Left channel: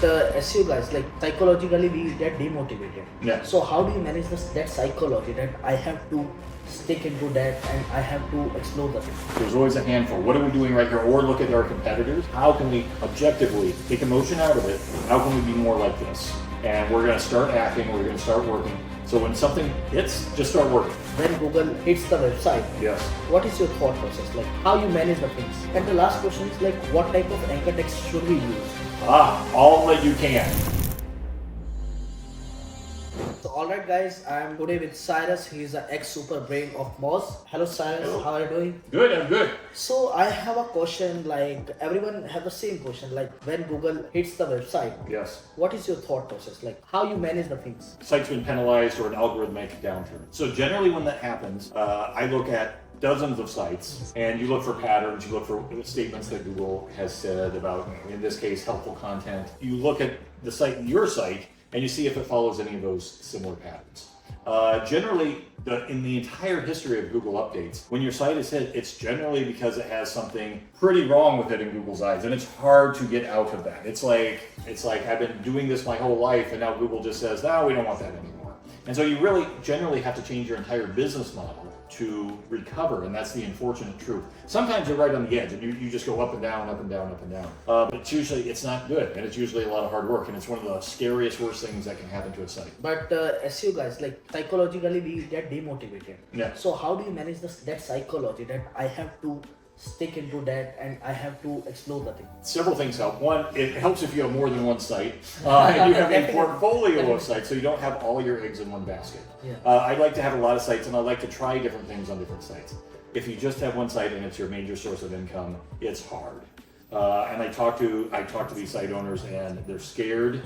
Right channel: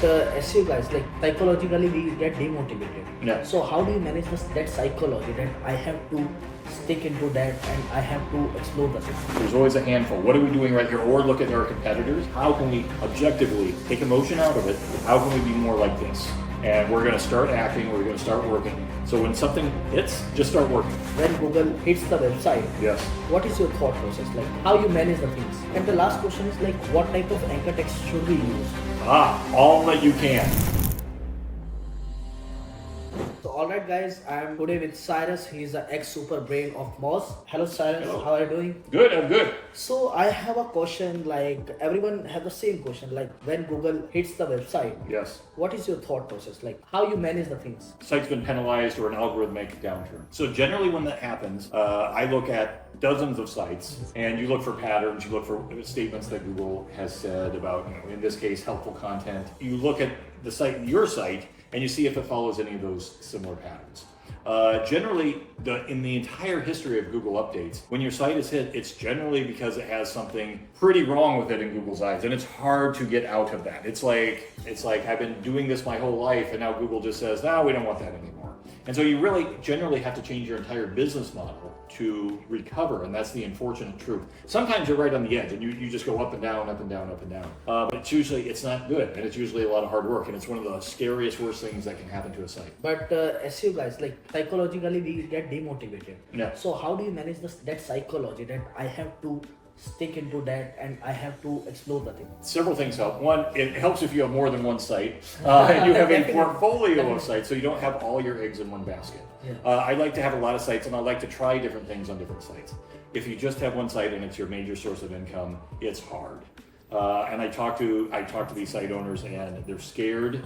SEO guys, like psychologically we get demotivated. Yeah. So how do you manage that psychology that I have to stick into that and I have to explore the thing? There's always a handful. What are we doing right here? Or look at our competitors. How can we objectively take emotion out of it? How can we be more like this? And we're going to start acting. We're going to start working. So when something hits, just start working. When Google hits the website, Yes. what is your thought process? Like how you manage the things? And the last question is like what type of anchor text should we use? All that you can. So alright guys, I am today with Cyrus. He is an ex-super brain of Moz. Hello Cyrus, Hello. How are you doing? Good, I'm good. So I have a question, like everyone have the same question, like when Google hits the website, Yes. what is your thought process? Like how you manage the things? Site's been penalized or an algorithmic downturn. So generally when that happens, I look at dozens of sites and you look for patterns, you look for statements that Google has said about, in this case, helpful content. You look at the site, your site, and you see if it follows any of those similar patterns. Generally, in the entire history of Google updates, when your site is hit, it's generally because it has something pretty wrong with it in Google's eyes, and it's hard to get out of that. It's like I've been doing this my whole life, and now Google just says, no, we don't want that anymore. And so you really generally have to change your entire business model to recover, and that's the unfortunate truth. Sometimes you're right on the edge, and you just go up and down, up and down, up and down. But it's not good, and it's usually a lot of hard work, and it's one of the scariest, worst things that can happen to a site. But SEO guys, like psychologically we get demotivated. Yeah. So how do you manage that psychology that I have to stick into that and I have to explore the thing? Several things help. One, it helps if you have more than one site. And you have a portfolio of sites, so you don't have all your eggs in one basket. Yeah. I like to have a lot of sites, and I like to try different things on different sites. If you just have one site and it's your major source of income, it's hard. And I talk to these site owners, and they're scared,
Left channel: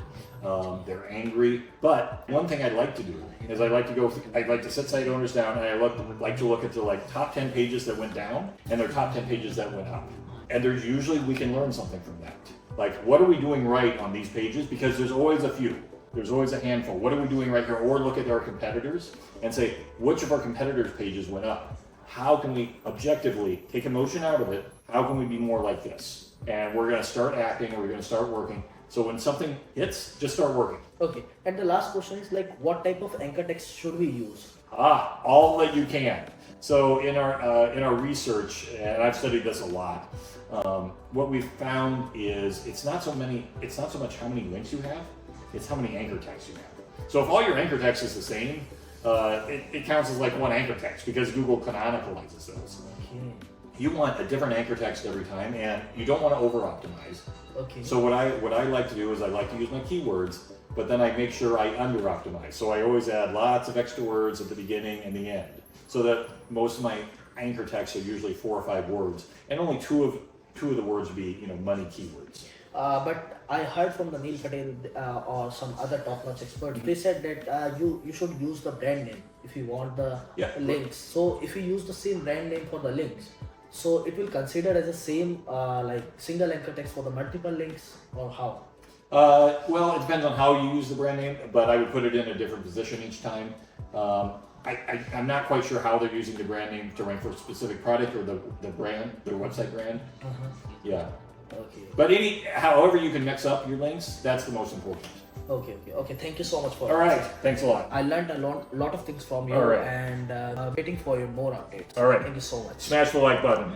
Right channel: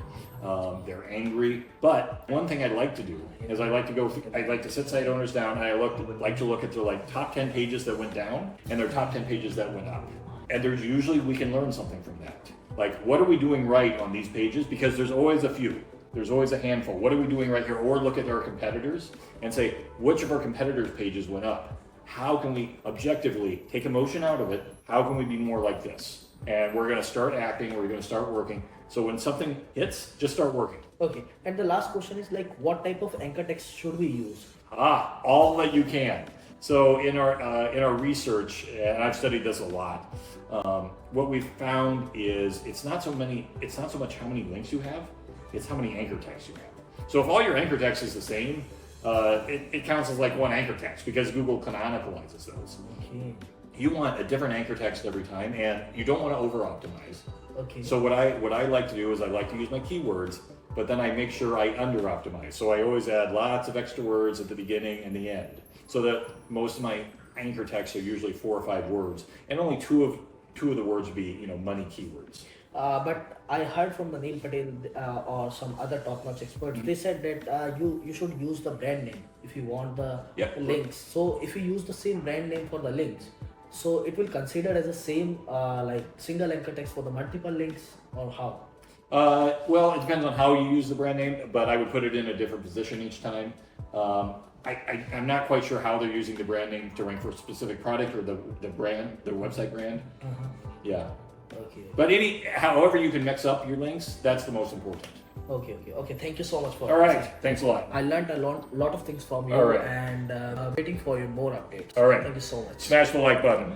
they're angry. But one thing I like to do is I like to sit site owners down, and I like to look at the top 10 pages that went down and their top 10 pages that went up. And there's usually we can learn something from that. Like, what are we doing right on these pages? Because there's always a few. There's always a handful. What are we doing right here? Or look at our competitors and say, which of our competitors' pages went up? How can we objectively take emotion out of it? How can we be more like this? And we're going to start acting, we're going to start working. So when something hits, just start working. Okay. And the last question is like what type of anchor text should we use? All that you can. So in our research, and I've studied this a lot, what we've found is it's not so much how many links you have, it's how many anchor texts you have. So if all your anchor text is the same, it counts as like one anchor text because Google canonicalizes those. Okay. You want a different anchor text every time, and you don't want to over-optimize. Okay. So what I like to do is I like to use my keywords, but then I make sure I under-optimize. So I always add lots of extra words at the beginning and the end, so that most of my anchor texts are usually 4 or 5 words, and only two of the words would be money keywords. But I heard from the Neil Patel or some other top-notch experts. They said that you should use the brand name if you want the links. So if you use the same brand name for the links, so it will consider as the same like single anchor text for the multiple links, or how? Well, it depends on how you use the brand name, but I would put it in a different position each time. I'm not quite sure how they're using the brand name to rank for a specific product or the brand, their website brand. Mm-hmm. Yeah. Okay. But however you can mix up your links, that's the most important. Okay. Thank you so much for. All right. Thanks a lot. I learned a lot of things from you, All right. and waiting for your more updates. All right. Thank you so much. Smash the like button.